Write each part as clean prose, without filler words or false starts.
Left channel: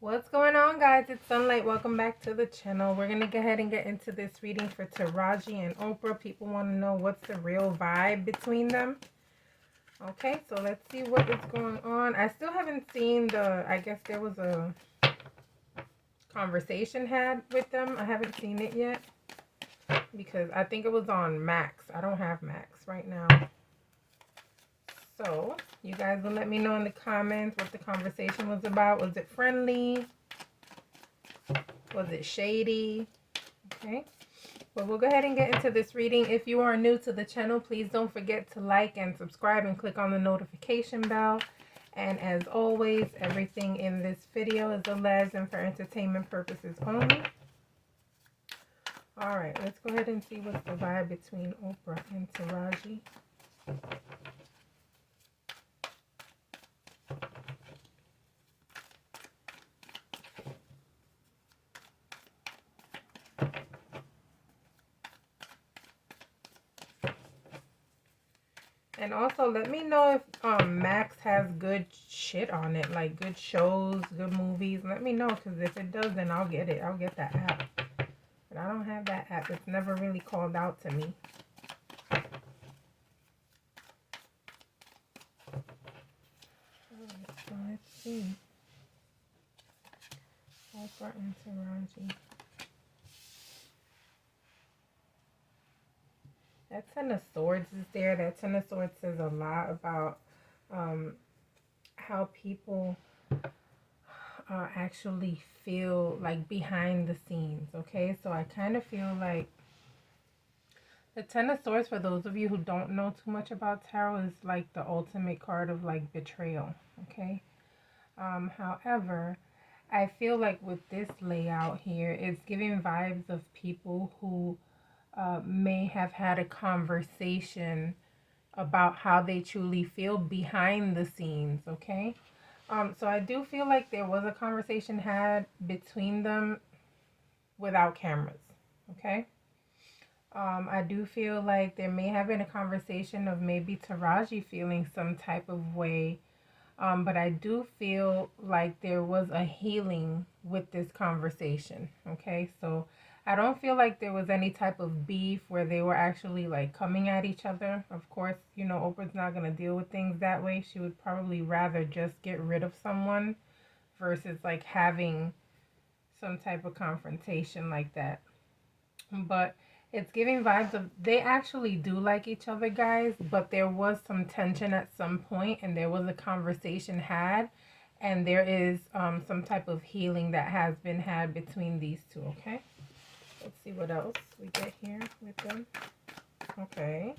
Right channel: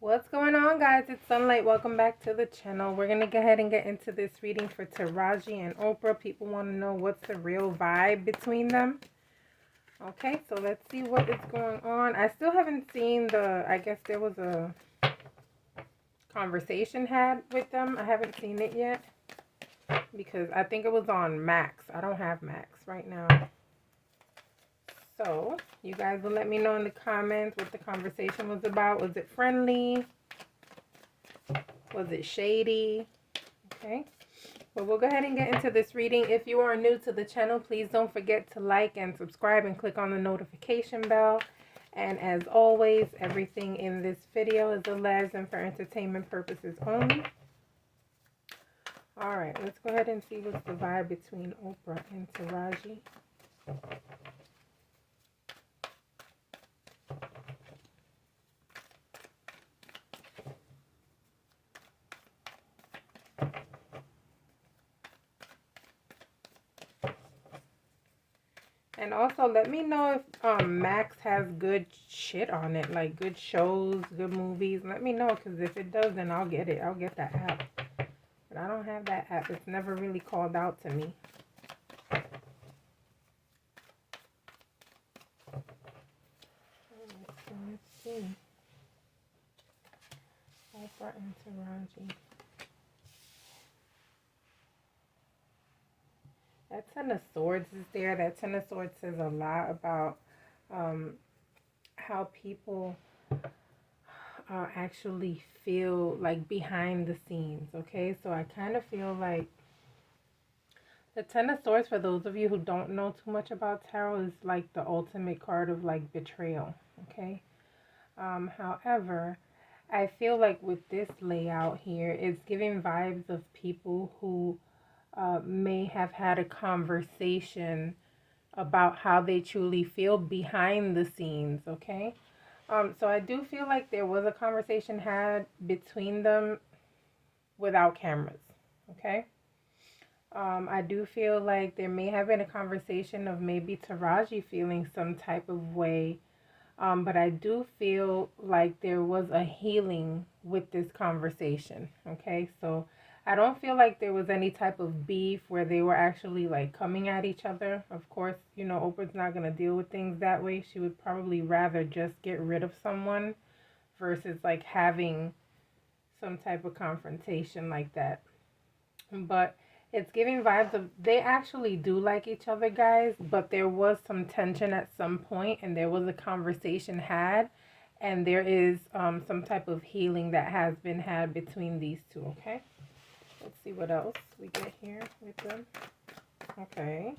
What's going on, guys? It's Sunlight. Welcome back to the channel. We're going to go ahead and get into this reading for Taraji and Oprah. People want to know what's the real vibe between them. Okay, so let's see what is going on. I still haven't seen I guess there was a conversation had with them. I haven't seen it yet because I think it was on Max. I don't have Max right now. So, you guys will let me know in the comments what the conversation was about. Was it friendly? Was it shady? Okay. But we'll go ahead and get into this reading. If you are new to the channel, please don't forget to like and subscribe and click on the notification bell. And as always, everything in this video is alleged and for entertainment purposes only. Alright, let's go ahead and see what's the vibe between Oprah and Taraji. And also, let me know if Max has good shit on it, like good shows, good movies. Let me know, because if it does, then I'll get it. I'll get that app. But I don't have that app. It's never really called out to me. So let's see. Oprah and Taraji. That Ten of Swords is there. That Ten of Swords says a lot about how people actually feel like behind the scenes. Okay, so I kind of feel like the Ten of Swords, for those of you who don't know too much about tarot, is like the ultimate card of like betrayal. Okay, however, I feel like with this layout here, it's giving vibes of people who may have had a conversation about how they truly feel behind the scenes, okay? So I do feel like there was a conversation had between them without cameras, okay? I do feel like there may have been a conversation of maybe Taraji feeling some type of way, but I do feel like there was a healing with this conversation, okay? So I don't feel like there was any type of beef where they were actually like coming at each other. Of course, you know, Oprah's not going to deal with things that way. She would probably rather just get rid of someone versus like having some type of confrontation like that. But it's giving vibes of they actually do like each other, guys, but there was some tension at some point and there was a conversation had, and there is some type of healing that has been had between these two, okay? Let's see what else we get here with them. Okay.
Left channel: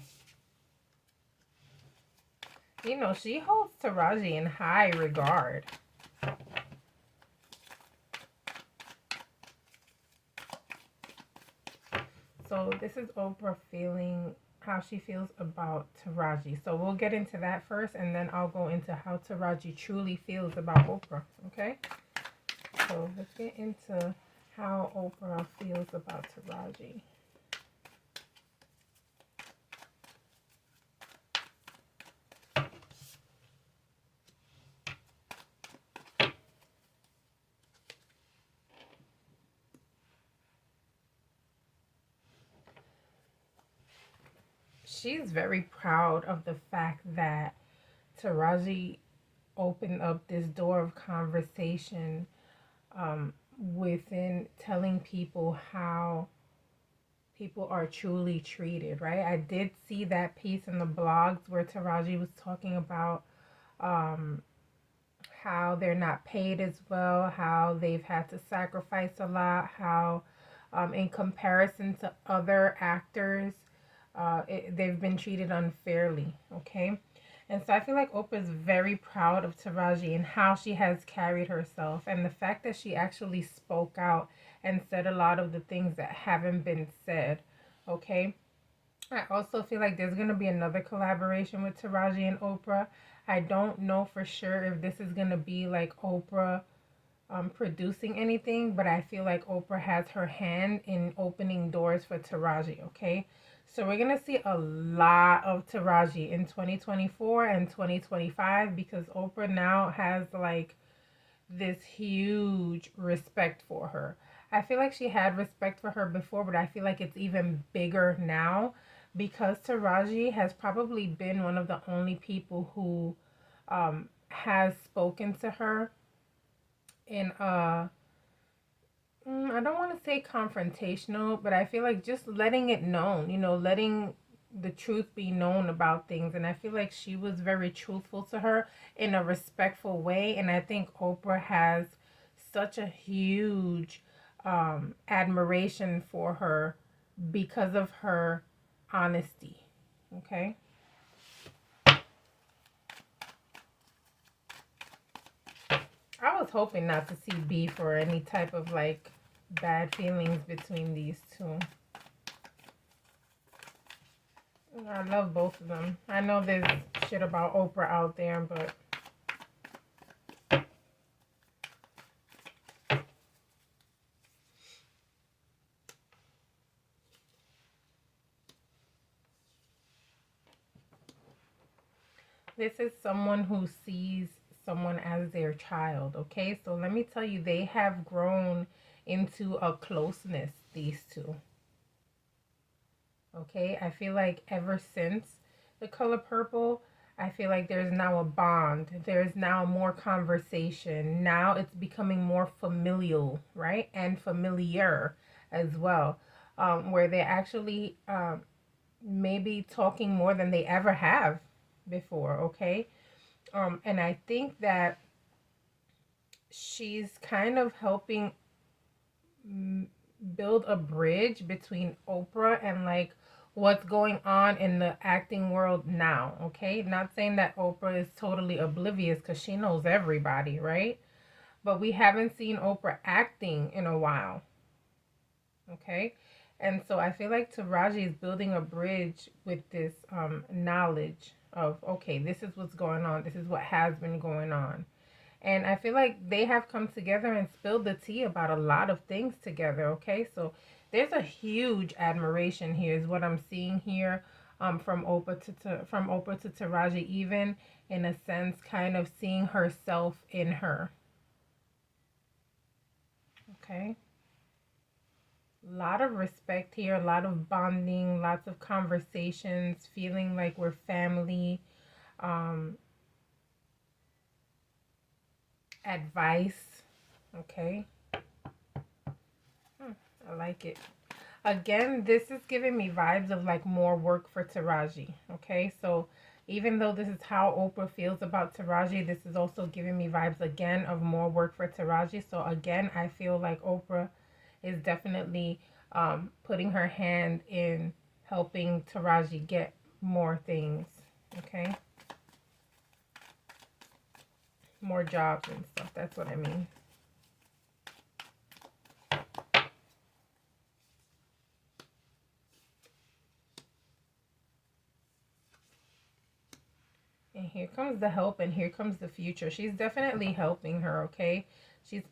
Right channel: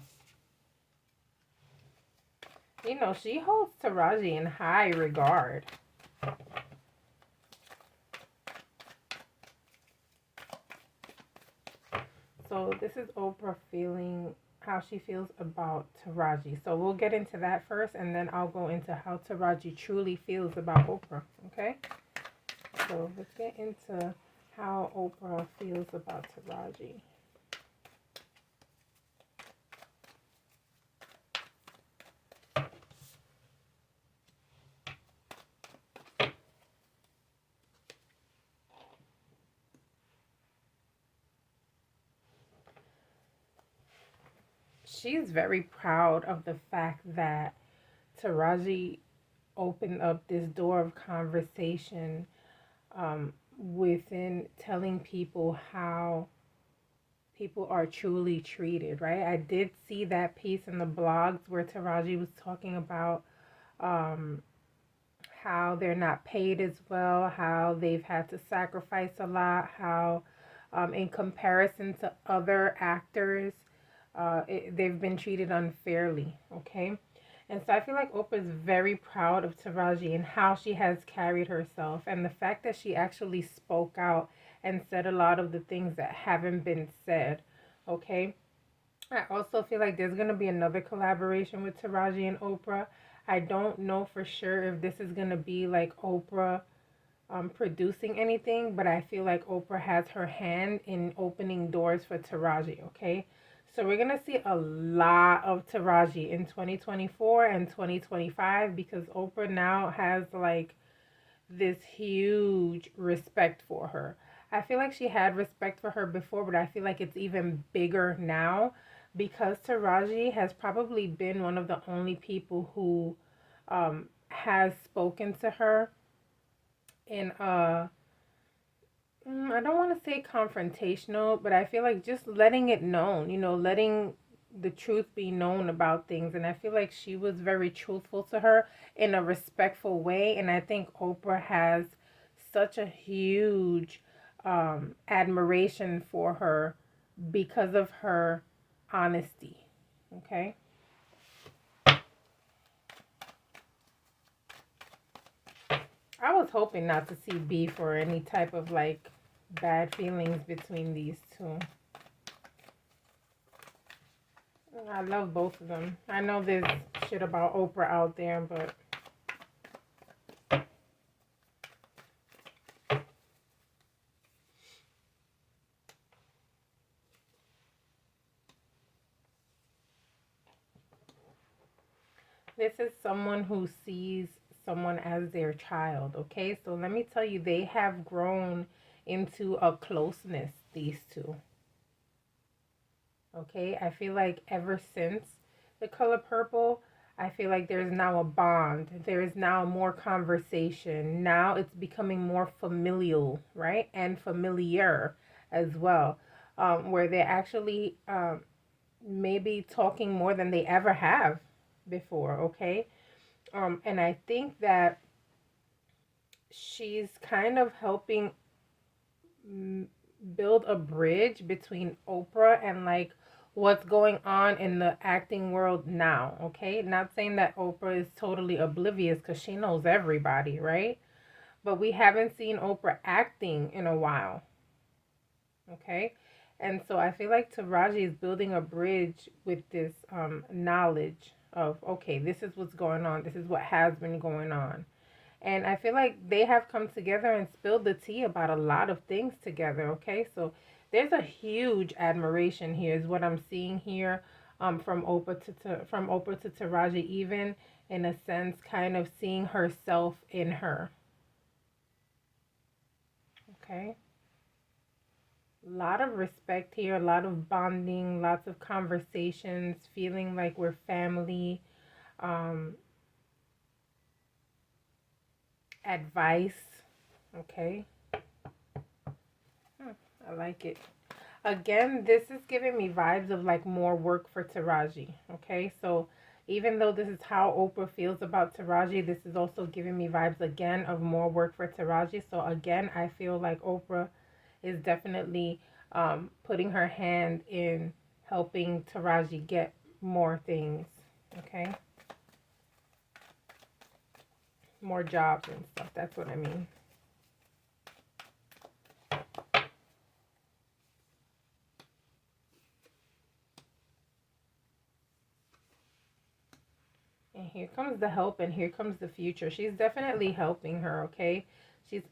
You know, she holds Taraji in high regard. So this is Oprah feeling how she feels about Taraji. So we'll get into that first, and then I'll go into how Taraji truly feels about Oprah, okay? So let's get into how Oprah feels about Taraji. She's very proud of the fact that Taraji opened up this door of conversation within telling people how people are truly treated, right? I did see that piece in the blogs where Taraji was talking about um, how they're not paid as well, how they've had to sacrifice a lot, how in comparison to other actors, they've been treated unfairly, okay? And so I feel like Oprah is very proud of Taraji and how she has carried herself, and the fact that she actually spoke out and said a lot of the things that haven't been said, okay? I also feel like there's going to be another collaboration with Taraji and Oprah. I don't know for sure if this is going to be like Oprah producing anything, but I feel like Oprah has her hand in opening doors for Taraji, okay? So we're going to see a lot of Taraji in 2024 and 2025 because Oprah now has like this huge respect for her. I feel like she had respect for her before, but I feel like it's even bigger now because Taraji has probably been one of the only people who has spoken to her in I don't want to say confrontational, but I feel like just letting it known, letting the truth be known about things. And I feel like she was very truthful to her in a respectful way. And I think Oprah has such a huge admiration for her because of her honesty. Okay. I was hoping not to see beef or any type of like bad feelings between these two. I love both of them. I know there's shit about Oprah out there, but this is someone who sees someone as their child, okay? So let me tell you, they have grown into a closeness, these two. Okay? I feel like ever since The Color Purple, I feel like there's now a bond. There's now more conversation. Now it's becoming more familial, right? And familiar as well. Where they're actually maybe talking more than they ever have before, okay? And I think that she's kind of helping build a bridge between Oprah and like what's going on in the acting world now, okay? Not saying that Oprah is totally oblivious because she knows everybody, right? But we haven't seen Oprah acting in a while, okay? And so I feel like Taraji is building a bridge with this knowledge of, okay, this is what's going on. This is what has been going on. And I feel like they have come together and spilled the tea about a lot of things together, okay? So there's a huge admiration here is what I'm seeing here from Oprah to Taraji, even in a sense kind of seeing herself in her. Okay? A lot of respect here, a lot of bonding, lots of conversations, feeling like we're family, um, advice, okay? I like it. Again, this is giving me vibes of like more work for Taraji. Okay, so even though this is how Oprah feels about Taraji, this is also giving me vibes again of more work for Taraji. So again, I feel like Oprah is definitely putting her hand in helping Taraji get more things. Okay, more jobs and stuff. That's what I mean. And here comes the help and here comes the future. She's definitely helping her, okay?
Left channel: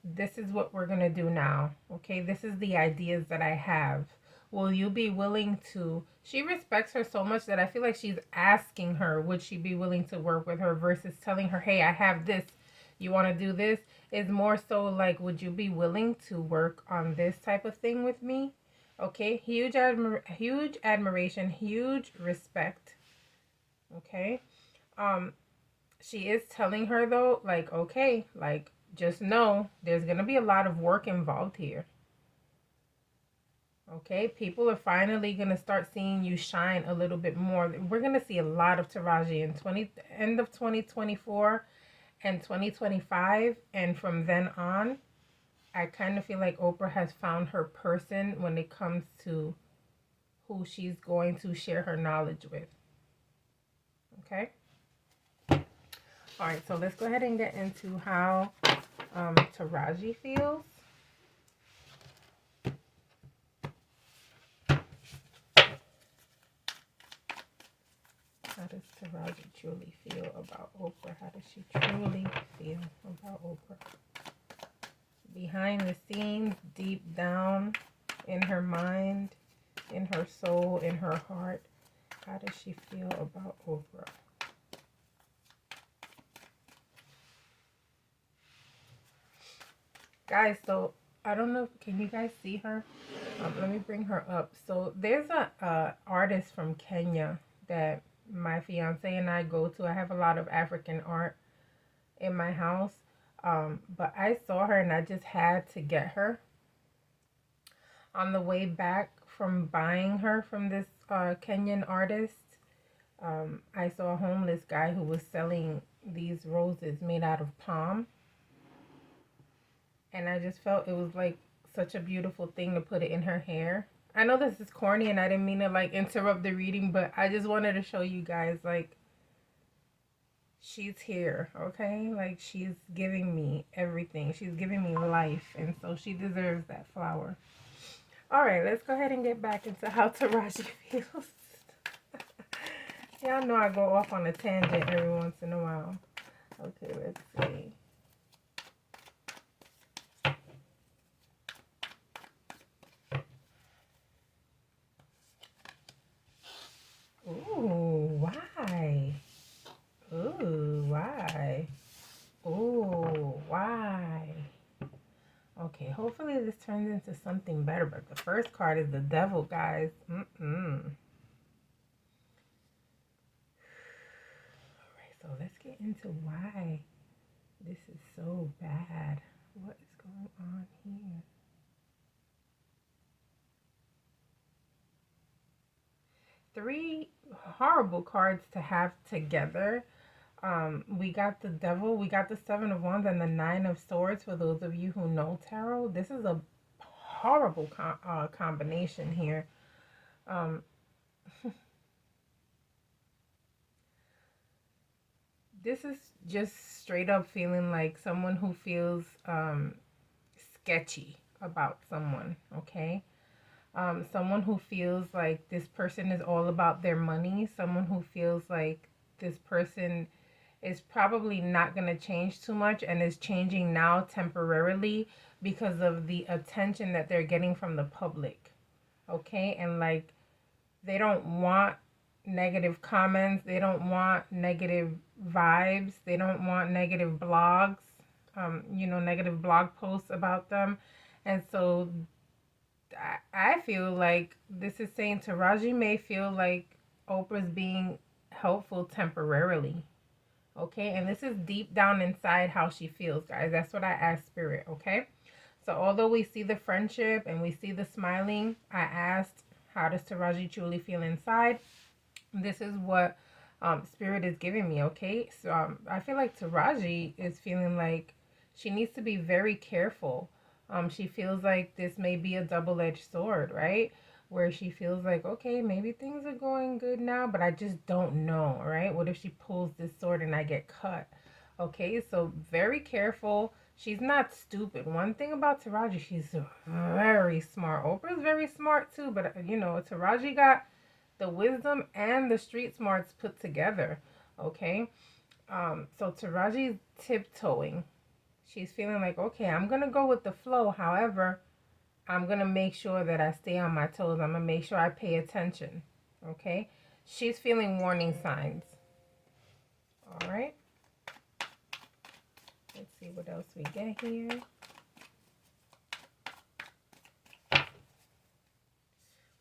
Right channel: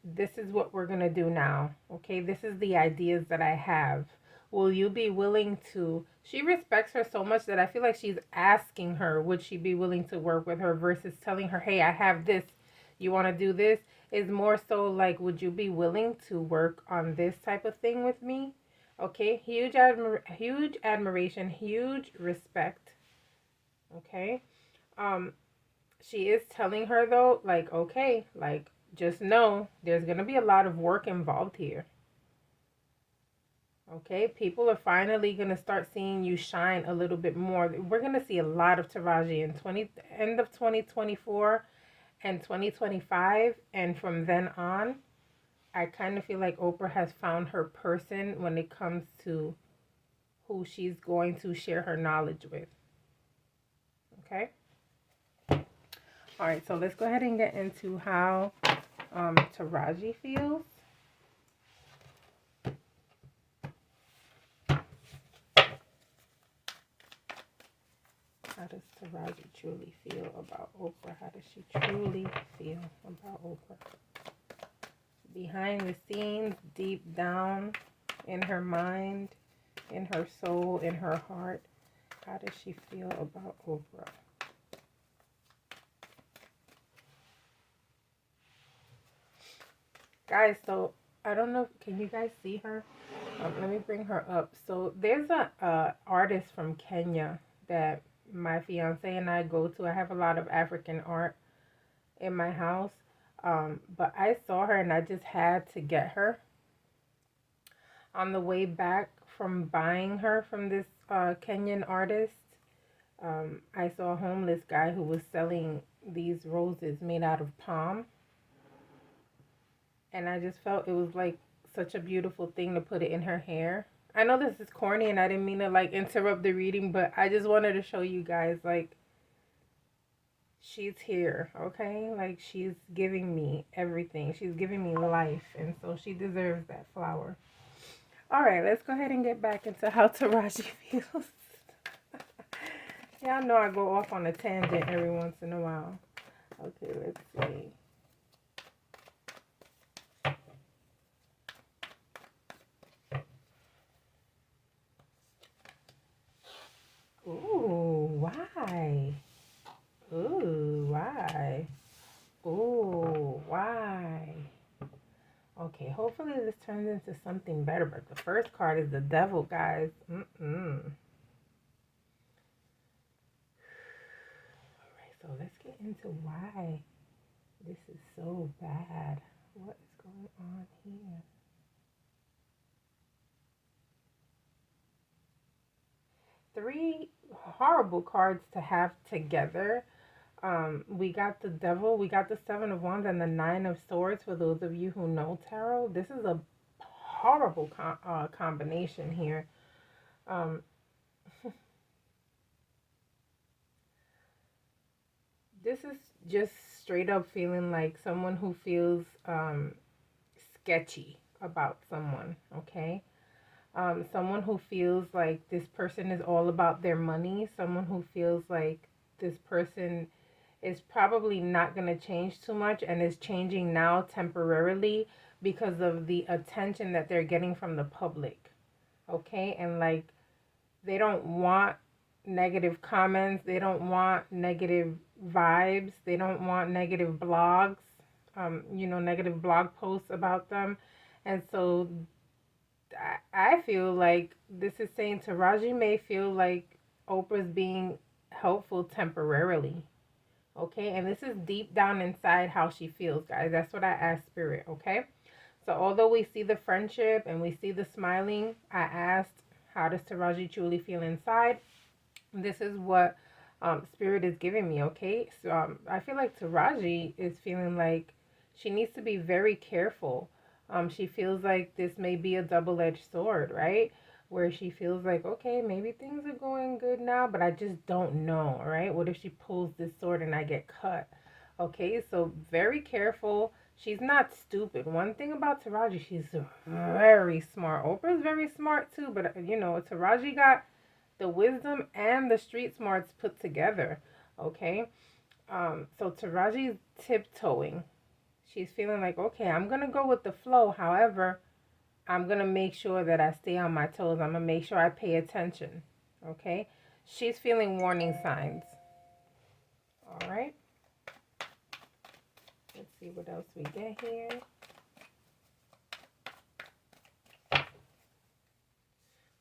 This is what we're going to do now. Okay? This is the ideas that I have. Will you be willing to She respects her so much that I feel like she's asking her would she be willing to work with her versus telling her, "Hey, I have this. You want to do this?" Is more so like, "Would you be willing to work on this type of thing with me?" Okay? Huge admiration, huge respect. Okay? um she is telling her though, like, okay, like, just know there's gonna be a lot of work involved here. Okay, people are finally gonna start seeing you shine a little bit more. We're gonna see a lot of Taraji in 20 end of 2024 and 2025, and from then on, I kind of feel like Oprah has found her person when it comes to who she's going to share her knowledge with. Okay. All right, so let's go ahead and get into how Taraji feels. How does Taraji truly feel about Oprah? How does she truly feel about Oprah? Behind the scenes, deep down in her mind, in her soul, in her heart, how does she feel about Oprah? Guys, so I don't know. Can you guys see her? Let me bring her up. So there's a artist from Kenya that my fiance and I go to. I have a lot of African art in my house. But I saw her and I just had to get her. On the way back from buying her from this Kenyan artist, I saw a homeless guy who was selling these roses made out of palm. And I just felt it was like such a beautiful thing to put it in her hair. I know this is corny and I didn't mean to like interrupt the reading, but I just wanted to show you guys like she's here, okay? Like she's giving me everything. She's giving me life, and so she deserves that flower. All right, let's go ahead and get back into how Taraji feels. Y'all know I go off on a tangent every once in a while. Okay, let's see. Ooh, why? Ooh, why? Ooh, why? Okay, hopefully this turns into something better, but the first card is the devil, guys. Alright, so let's get into why this is so bad. What is going on here? Three horrible cards to have together. We got the devil, we got the seven of wands, and the nine of swords. For those of you who know tarot, this is a horrible combination here. Um, this is just straight up feeling like someone who feels sketchy about someone. Okay, someone who feels like this person is all about their money. Someone who feels like this person is probably not going to change too much and is changing now temporarily because of the attention that they're getting from the public. Okay? And like they don't want negative comments, they don't want negative vibes, they don't want negative blogs, negative blog posts about them. And so I feel like this is saying Taraji may feel like Oprah's being helpful temporarily. Okay, and this is deep down inside how she feels, guys. That's what I asked Spirit. Okay, so although we see the friendship and we see the smiling, I asked, how does Taraji truly feel inside? This is what Spirit is giving me. Okay, so I feel like Taraji is feeling like she needs to be very careful. She feels like this may be a double-edged sword, right? Where she feels like, okay, maybe things are going good now, but I just don't know, right? What if she pulls this sword and I get cut? Okay, so very careful. She's not stupid. One thing about Taraji, she's very smart. Oprah's very smart too, but Taraji got the wisdom and the street smarts put together. Okay, so Taraji's tiptoeing. She's feeling like, okay, I'm gonna go with the flow. However, I'm going to make sure that I stay on my toes. I'm going to make sure I pay attention. Okay? She's feeling warning signs. All right? Let's see what else we get here.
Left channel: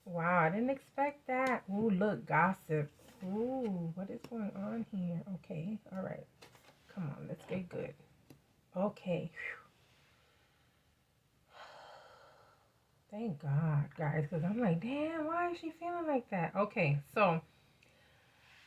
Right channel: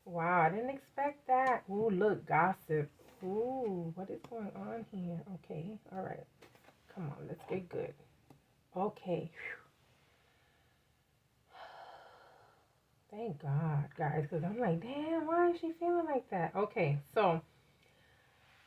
Wow, I didn't expect that. Ooh, look, gossip. Ooh, what is going on here? Okay, all right. Come on, let's get good. Okay. Thank God, guys, because I'm like, damn, why is she feeling like that? Okay, so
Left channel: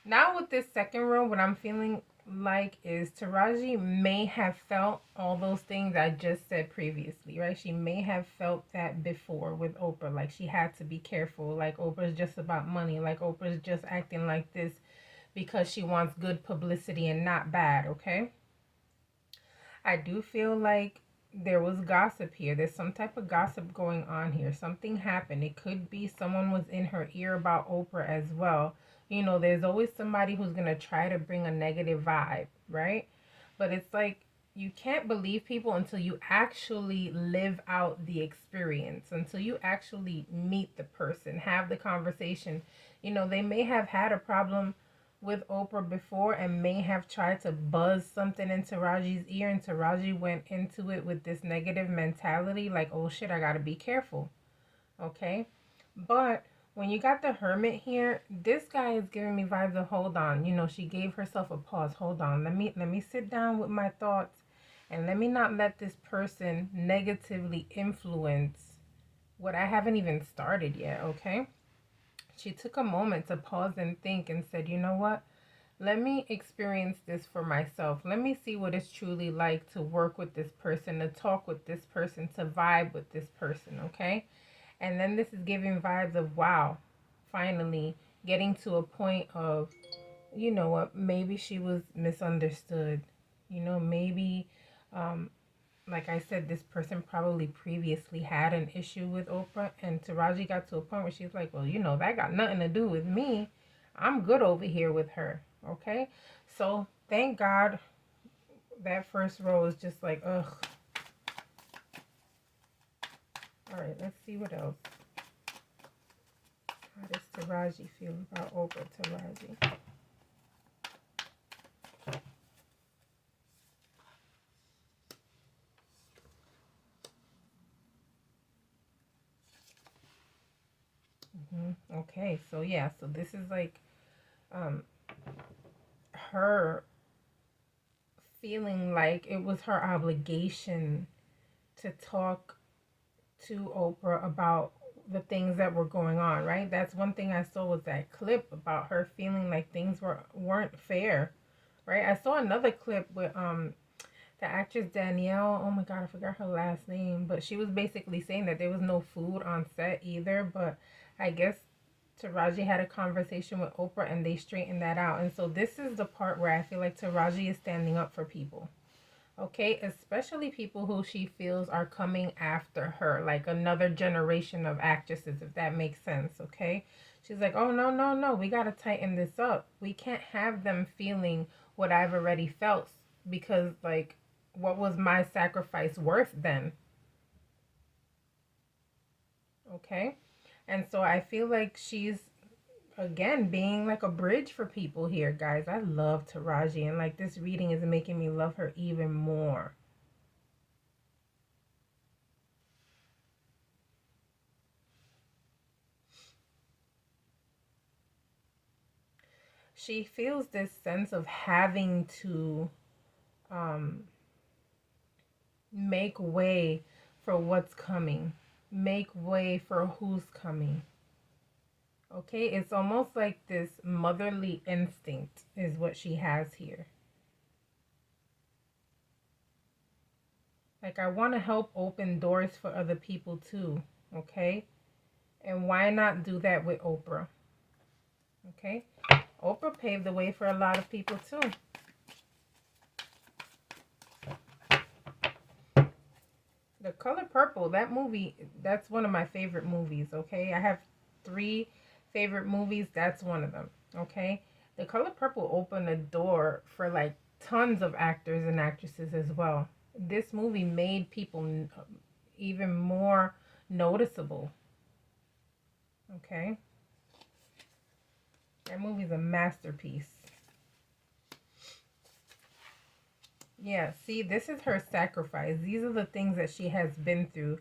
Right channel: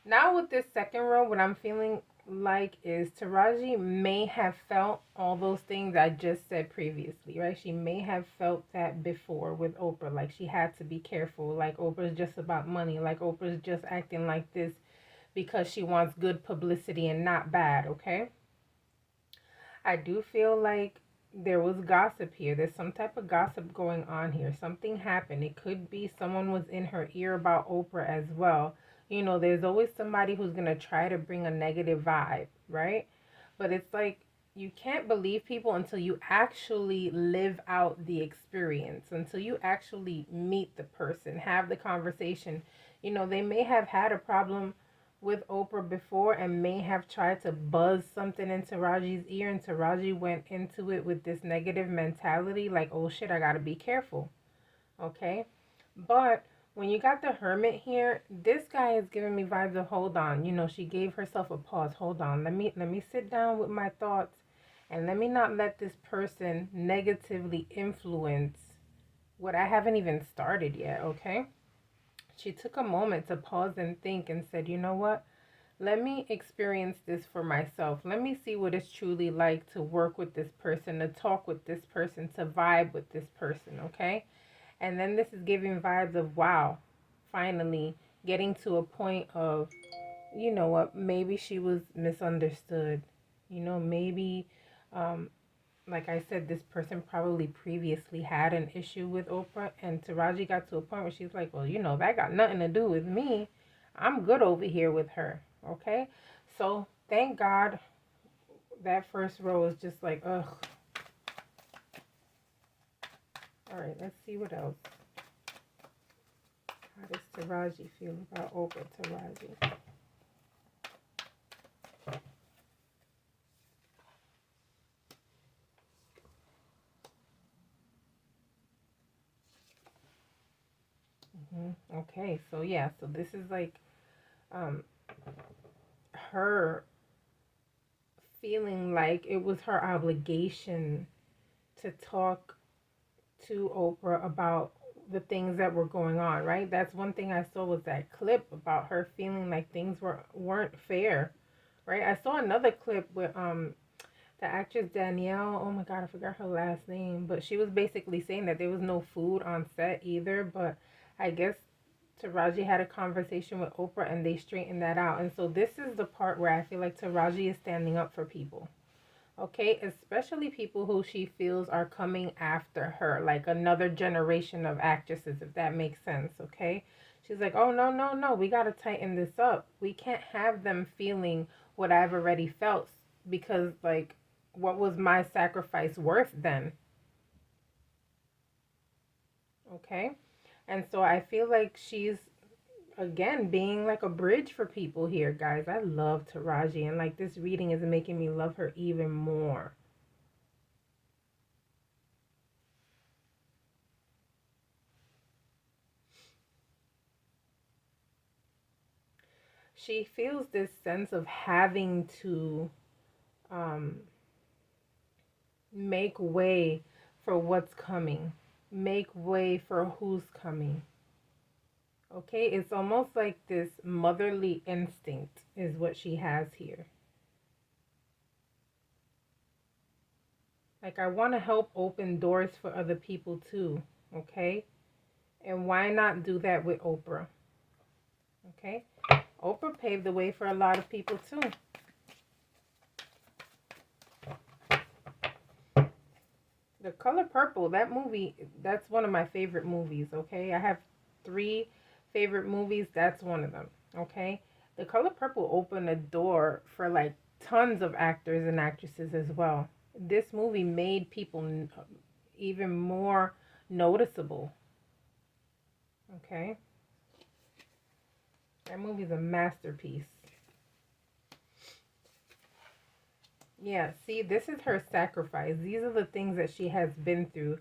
now with this second row, what I'm feeling like is Taraji may have felt all those things I just said previously, right? She may have felt that before with Oprah. Like she had to be careful. Like Oprah's just about money. Like Oprah's just acting like this because she wants good publicity and not bad, okay? I do feel like there was gossip here. There's some type of gossip going on here. Something happened. It could be someone was in her ear about Oprah as well. There's always somebody who's going to try to bring a negative vibe, right? But it's like you can't believe people until you actually live out the experience, until you actually meet the person, have the conversation. They may have had a problem with Oprah before and may have tried to buzz something into Taraji's ear, and Taraji went into it with this negative mentality like, oh shit, I gotta be careful. Okay? But when you got the hermit here, this guy is giving me vibes of hold on. You know, she gave herself a pause. Hold on. Let me sit down with my thoughts and let me not let this person negatively influence what I haven't even started yet, okay? She took a moment to pause and think and said, you know what? Let me experience this for myself. Let me see what it's truly like to work with this person, to talk with this person, to vibe with this person, okay? And then this is giving vibes of wow, finally getting to a point of, you know what, maybe she was misunderstood. You know, maybe, um, like I said, this person probably previously had an issue with Oprah, and Taraji got to a point where she's like, well, you know, that got nothing to do with me. I'm good over here with her. Okay. So thank God that first row is just like, ugh. All right, let's see what else. How does Taraji feel about Oprah Taraji? Okay, so yeah, so this is like um her feeling like it was her obligation to talk to Oprah about the things that were going on, right? That's one thing I saw was that clip about her feeling like things weren't fair, right? I saw another clip with the actress Danielle. Oh my god, I forgot her last name, but she was basically saying that there was no food on set either, but I guess Taraji had a conversation with Oprah and they straightened that out. And so this is the part where I feel like Taraji is standing up for people. Okay, especially people who she feels are coming after her, like another generation of actresses, if that makes sense. Okay, she's like, oh, no, no, no, we got to tighten this up. We can't have them feeling what I've already felt because, like, what was my sacrifice worth then? Okay, and so I feel like she's again being like a bridge for people here, guys. I love Taraji, and like this reading is making me love her even more. She feels this sense of having to um, make way for what's coming, make way for who's coming. Okay, it's almost like this motherly instinct is what she has here. Like, I want to help open doors for other people too. Okay, and why not do that with Oprah? Okay, Oprah paved the way for a lot of people too. The Color Purple, that movie, that's one of my favorite movies, okay? I have three favorite movies. That's one of them, okay? The Color Purple opened a door for like tons of actors and actresses as well. This movie made people even more noticeable, okay? That movie's a masterpiece. Yeah, see, this is her sacrifice. These are the things that she has been through.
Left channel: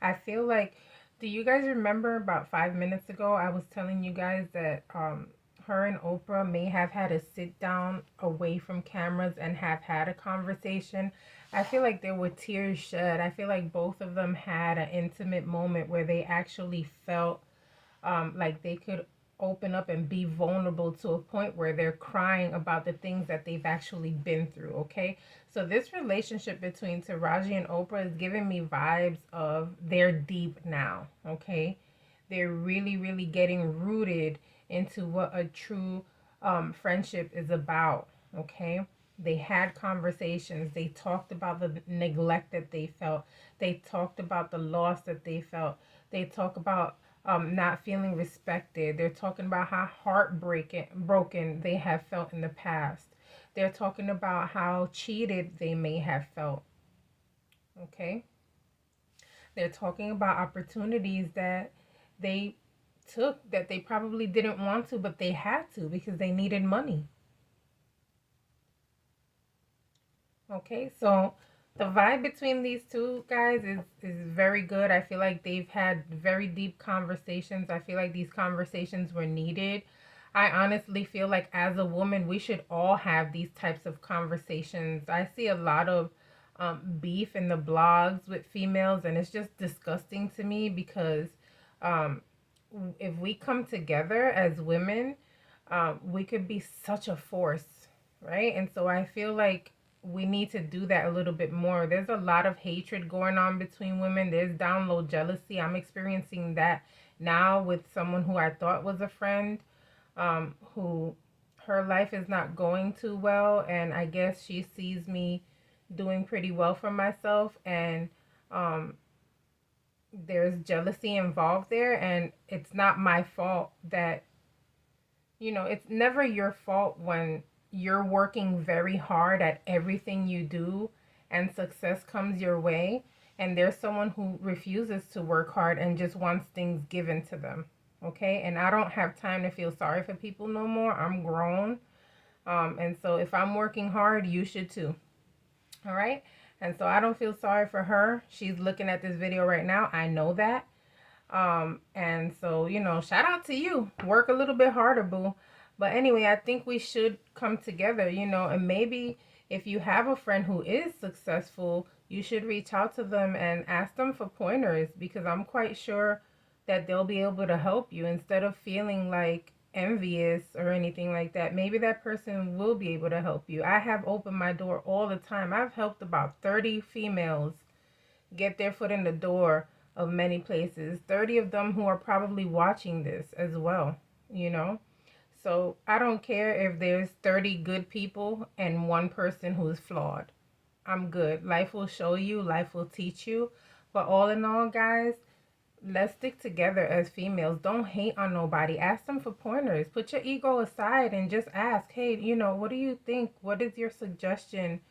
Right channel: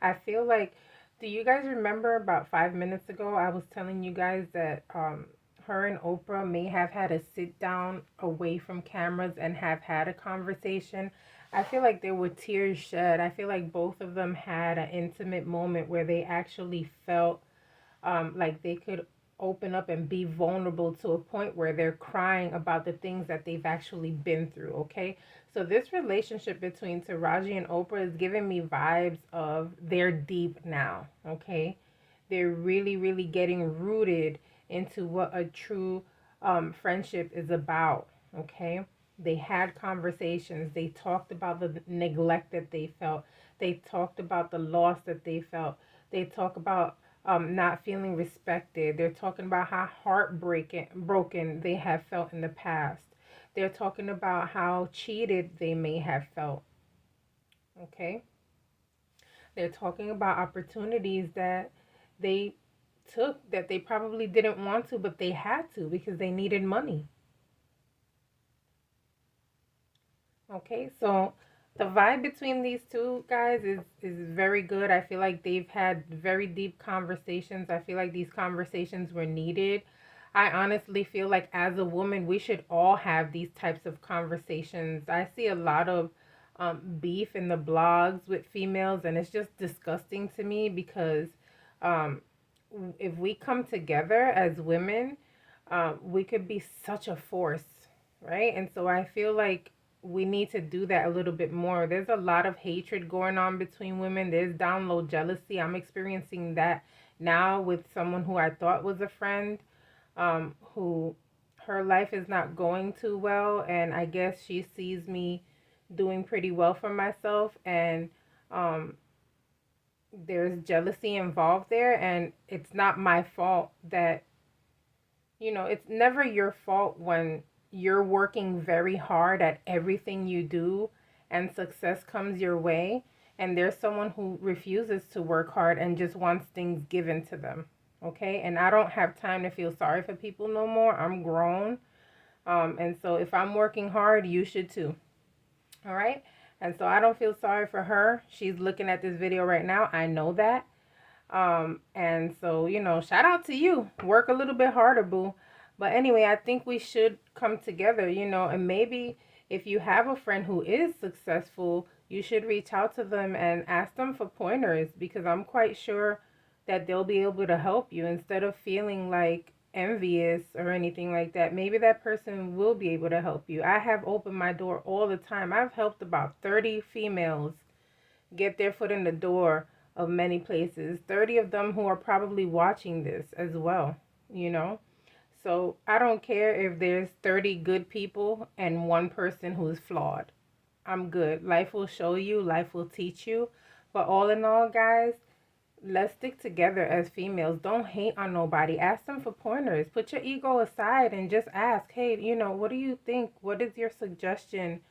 I feel like, do you guys remember about 5 minutes ago, I was telling you guys that her and Oprah may have had a sit down away from cameras and have had a conversation. I feel like there were tears shed. I feel like both of them had an intimate moment where they actually felt like they could open up and be vulnerable to a point where they're crying about the things that they've actually been through. Okay, so this relationship between Taraji and Oprah is giving me vibes of they're deep now. Okay, they're really, really getting rooted into what a true friendship is about. Okay, they had conversations, they talked about the neglect that they felt, they talked about the loss that they felt, they talk about not feeling respected. They're talking about how heartbreaking broken they have felt in the past. They're talking about how cheated they may have felt. Okay, they're talking about opportunities that they took that they probably didn't want to, but they had to because they needed money. Okay, so the vibe between these two guys is very good. I feel like they've had very deep conversations. I feel like these conversations were needed. I honestly feel like as a woman, we should all have these types of conversations. I see a lot of beef in the blogs with females, and it's just disgusting to me because um, if we come together as women, we could be such a force, right? And so I feel like we need to do that a little bit more. There's a lot of hatred going on between women. There's down low jealousy. I'm experiencing that now with someone who I thought was a friend, who her life is not going too well, and I guess she sees me doing pretty well for myself, and um, there's jealousy involved there, and it's not my fault that it's never your fault when you're working very hard at everything you do and success comes your way, and there's someone who refuses to work hard and just wants things given to them. Okay? And I don't have time to feel sorry for people no more. I'm grown. And so if I'm working hard, you should too. All right? And so I don't feel sorry for her. She's looking at this video right now. I know that. And so, shout out to you. Work a little bit harder, boo. But anyway, I think we should come together, and maybe if you have a friend who is successful, you should reach out to them and ask them for pointers because I'm quite sure that they'll be able to help you instead of feeling like envious or anything like that. Maybe that person will be able to help you. I have opened my door all the time. I've helped about 30 females get their foot in the door of many places. 30 of them who are probably watching this as well, you know? So I don't care if there's 30 good people and one person who's flawed. I'm good. Life will show you, life will teach you. But all in all, guys, let's stick together as females. Don't hate on nobody. Ask them for pointers. Put your ego aside and just ask, hey, what do you think? What is your suggestion?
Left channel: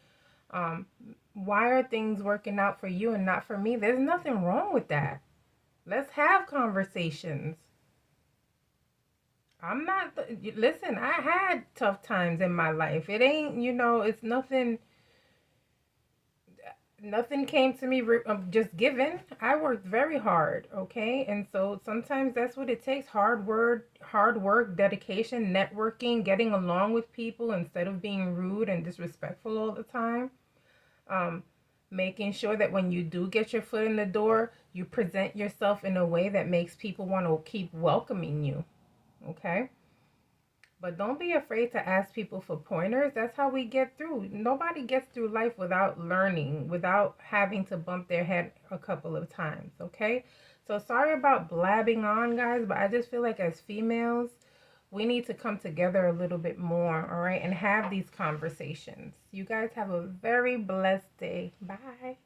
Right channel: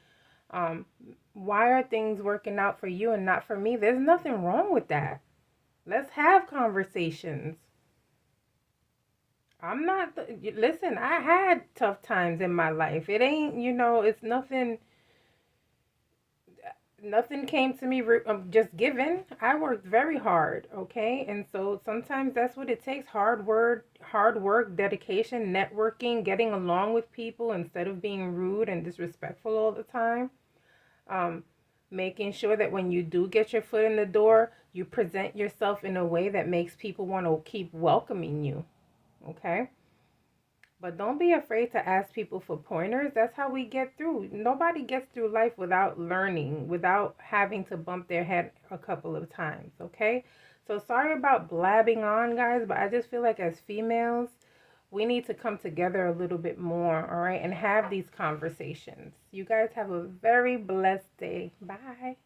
Um, why are things working out for you and not for me? There's nothing wrong with that. Let's have conversations. I'm not, listen, I had tough times in my life. It ain't, it's nothing came to me just given. I worked very hard, okay? And so sometimes that's what it takes. Hard work, dedication, networking, getting along with people instead of being rude and disrespectful all the time. Um, Making sure that when you do get your foot in the door, you present yourself in a way that makes people want to keep welcoming you. Okay? But don't be afraid to ask people for pointers. That's how we get through. Nobody gets through life without learning, without having to bump their head a couple of times. Okay? So sorry about blabbing on, guys, but I just feel like as females, we need to come together a little bit more, all right, and have these conversations. You guys have a very blessed day. Bye.